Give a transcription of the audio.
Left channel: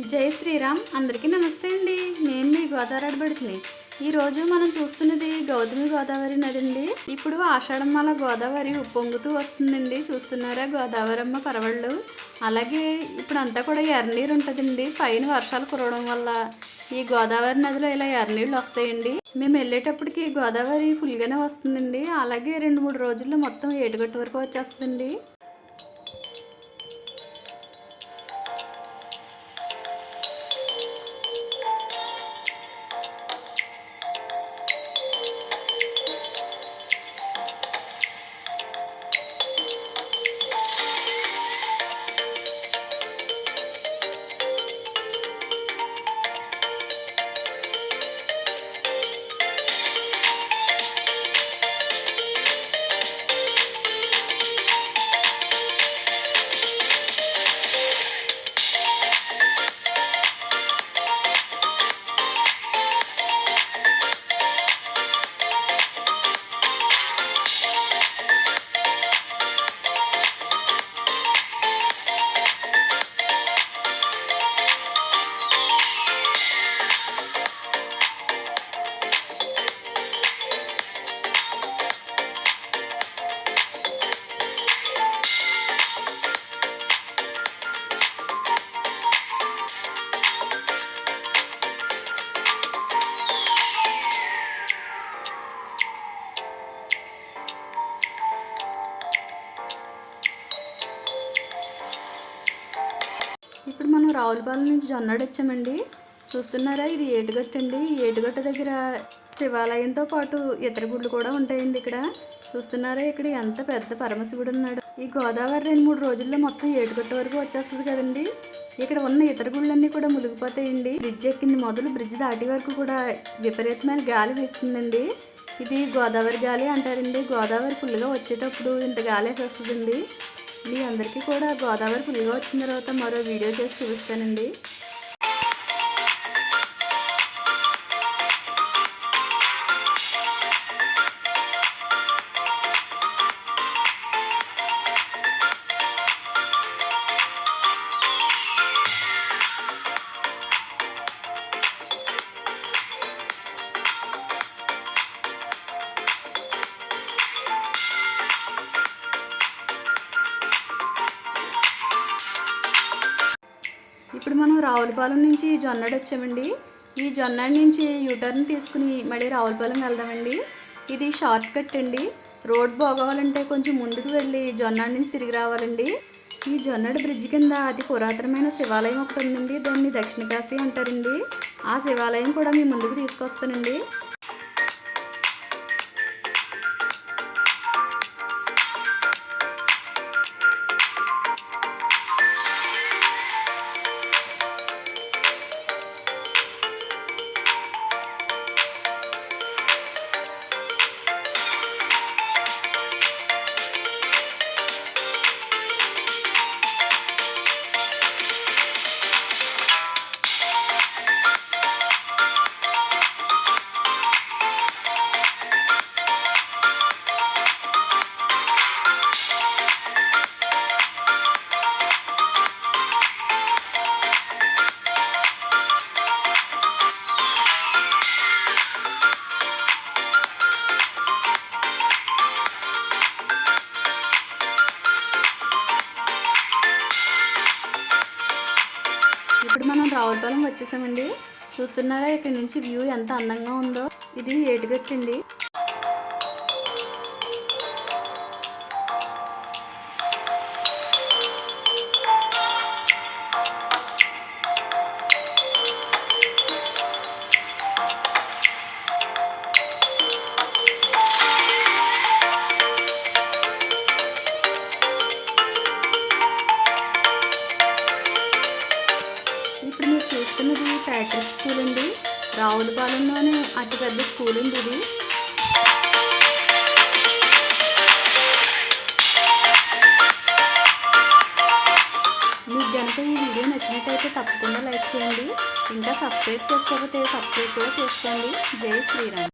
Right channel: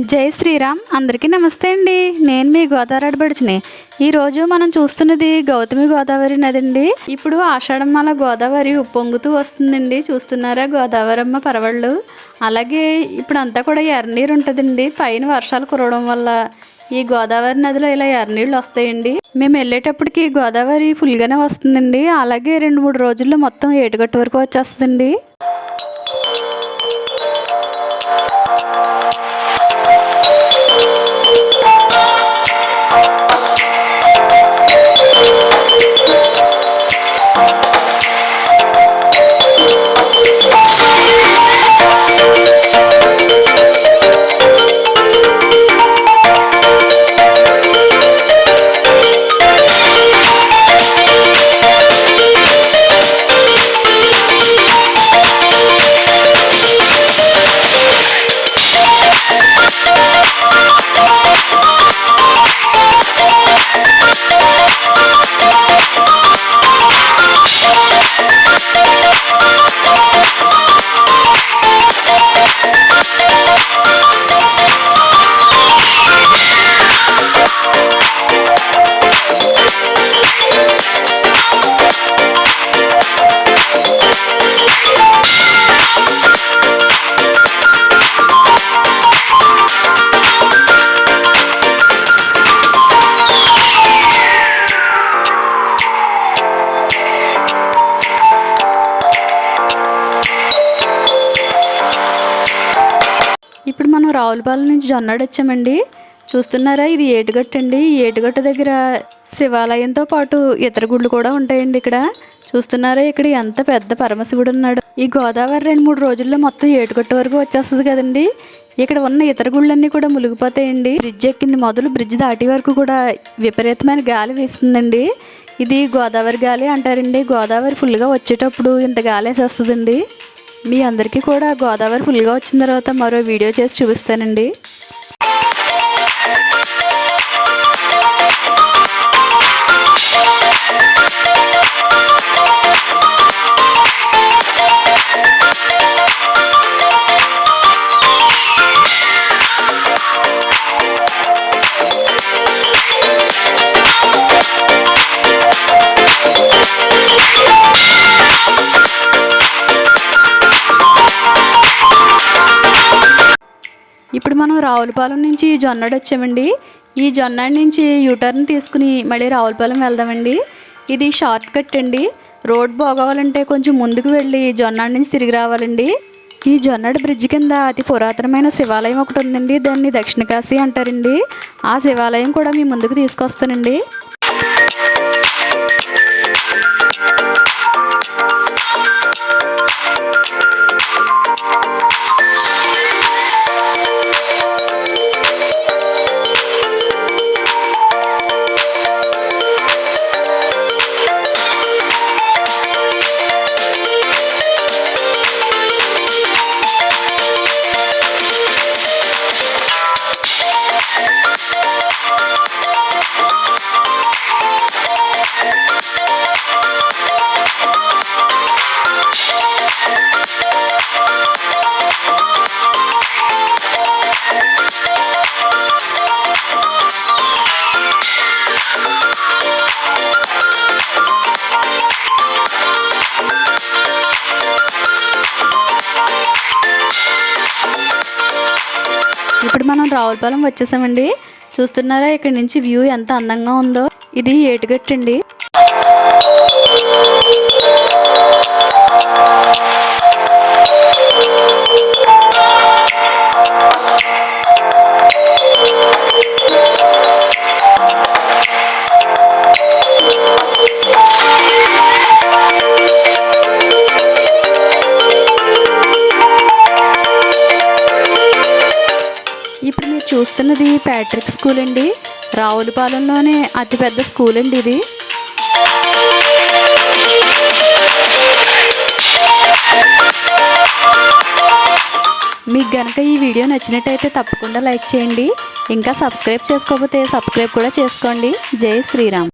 జై శ్రీరామ్. అందరికీ నమస్తే అండి. నేను మీ గోదావరి అడబడిచిని ఈరోజు మనం చూస్తున్నది గౌతమి గోదావరి నది అండి ఇప్పుడు ఆషాఢమాల గోదావరి ఉప్పొంగుతూ వస్తుందండి. చూస్తున్నారా గోదావరమ్మ పరవళ్ళు? అలాగే ఇప్పుడు అంతా కూడా ఎర్రనీరు ఉంటుందండి. పైన వర్షాలు కురవడం వల్ల ఈ గోదావరి నదిలో ఇలా ఎర్రనీళ్ళు వస్తాయండి. మేము వెళ్ళేటప్పటికి గోదావరి ఫుల్గానే వస్తుందండి. అలాగే రెండు మూడు రోజుల్లో మొత్తం ఏటుగట్టు వరకు వచ్చేస్తుందండి. ఇప్పుడు మనం రావులపాలెం నుంచి జొన్నాడు వచ్చామండి. చూస్తున్నారా? ఇది ఏటుగట్టు అండి. ఏటుగట్టు దగ్గర శివాలయంతో పాటు ఇతర గుళ్ళు కూడా ఉంటాయండి ఇక్కడ. చూస్తున్నారా? ఇక్కడ ఎంత పెద్ద పరమశివుడు ఉన్నాడు. ఈ గోదావరి రెండు మూడు రోజుల్లో మొత్తం ఏటుగట్టు వరకు వచ్చేస్తుంది కదండి. ఇక్కడ ఉన్న ఇతర గుళ్ళన్నీ కూడా మునిగిపోతాయండి. బ్రిడ్జ్ ఎక్కింది మొదలు బ్రిడ్జ్ దాటి వరకు కూడా విపరీతమైన గాలి వీస్తుందండి. ఇది గోదావరి గాలి అంటారండి. గోదావరి ఫుల్గా వచ్చేటప్పుడు ఇంత గాలి వేసేస్తుందండి. మీ అందరికీ కూడా గోదావరి ఫుల్గా వచ్చిన తర్వాత మరో వీడియో చేసి చూపిస్తానండి. ఇప్పుడు మనం రావులపాలెం నుంచి జొన్నడు వచ్చామండి. ఈ జొన్నాడు నుంచి యూటర్న్ తీసుకుని మళ్ళీ రావులపాలెం వెళ్దామండి. ఇది షార్ట్ కట్ అండి. రోడ్ బాగోవాలంటే కొంచెం ముందుకు వెళ్ళి జొన్నాడు నుంచి తిరిగి రావాలండి. ఈ జొన్నాడు బ్రిడ్జ్ కింద అతి పురాతనమైన శివాలయం ఒకటి ఉందండి. దాన్ని దక్షిణ కాశీ అంటారండి. ఆ శివాలయం కూడా మీ ముందుకు తీసుకొస్తానండి. ఇప్పుడు మనం రావులపాలెం వచ్చేసామండి. చూస్తున్నారా ఇక్కడ నుంచి వ్యూ ఎంత అందంగా ఉందో. ఇది ఏటుగట్టు చూస్తున్నది ప్యాట్రిక్ స్కూల్ అండి. రావులపాలెంలోనే అతిపెద్ద స్కూల్ అండి ఇది. మీకు గనక ఈ వీడియో నచ్చినట్టయితే తప్పకుండా లైక్ చేయండి. ఇంకా సబ్స్క్రైబ్ చేసుకోకపోతే సబ్స్క్రైబ్ కూడా చేసుకోండి. జై శ్రీరామ్.